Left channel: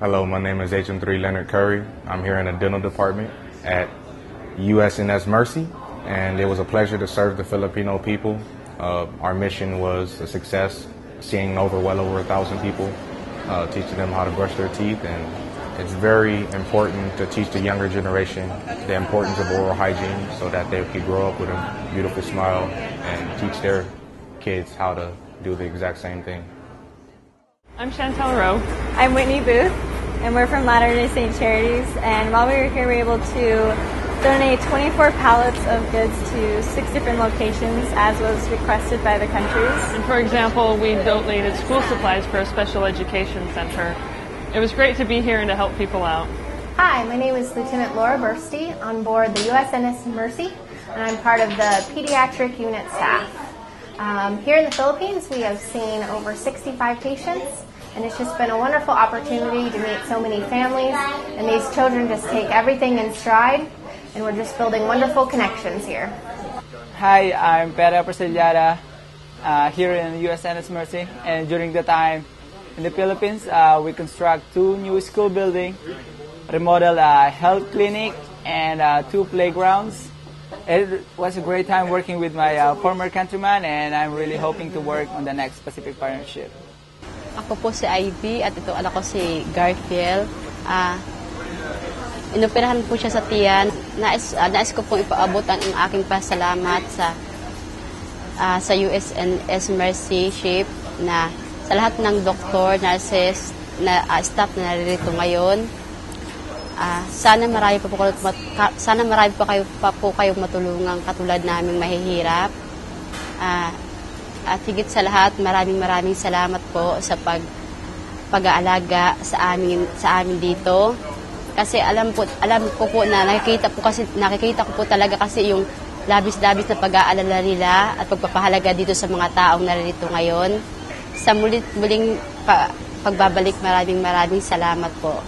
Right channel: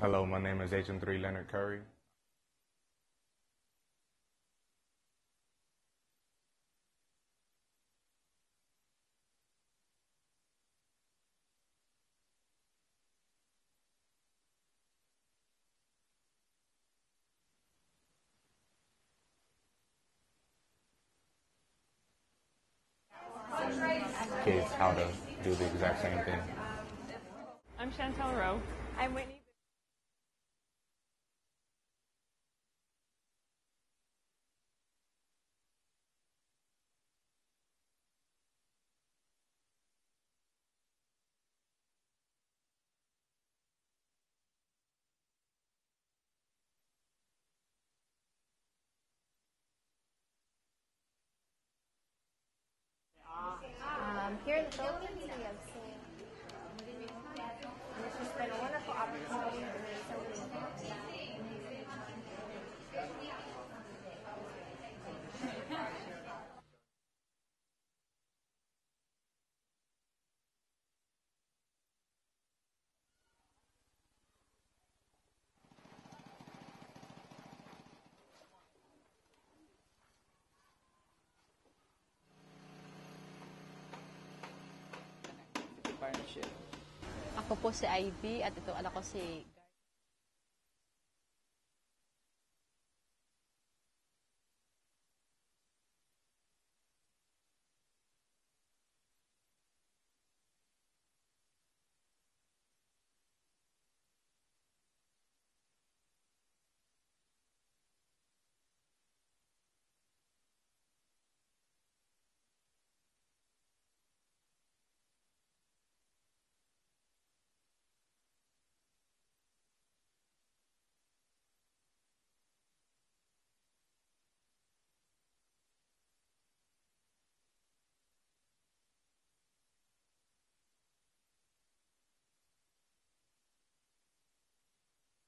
Hello, my name is HM3 Leonard Curry. I'm here in the dental department at USNS Mercy, and it was a pleasure to serve the Filipino people. Our mission was a success, seeing well over 1,000 people, teaching them how to brush their teeth, and it's very important to teach the younger generation the importance of oral hygiene so that they can grow up with a beautiful smile and teach their kids how to do the exact same thing. I'm Chantel Rowe. I'm Whitney Booth, and we're from Latter-day Saint Charities. And while we were here, we were able to donate 24 pallets of goods to 6 different locations, as was requested by the countries. And for example, we donated school supplies for a special education center. It was great to be here and to help people out. Hi, my name is Lieutenant Laura Bursty on board the USNS Mercy, and I'm part of the pediatric unit staff. Here in the Philippines, we have seen over 65 patients, and it's just been a wonderful opportunity to meet so many families, and these children just take everything in stride, and we're just building wonderful connections here. Hi, I'm Pera Persillada here in USNS Mercy, and during the time in the Philippines, we construct 2 new school buildings, remodel a health clinic, and 2 playgrounds. It was a great time working with my former countryman, and I'm really hoping to work on the next Pacific Partnership. Ako po si Ivy at ito anak ko si Garfield. Inoperahan po siya sa tiyan. Nais ko pong ipaabot ang aking pasalamat sa USNS Mercy Ship na sa lahat ng doktor, nurses, staff na naririto ngayon. Sana marami pa po kayong matulungan katulad naming mahihirap. At higit sa lahat, maraming salamat po sa pag-aalaga sa amin dito. Kasi alam ko po na nakikita ko po talaga kasi yung labis-labis na pag-aalala nila at pagpapahalaga dito sa mga taong naririto ngayon. Sa muling pagbabalik, maraming salamat po.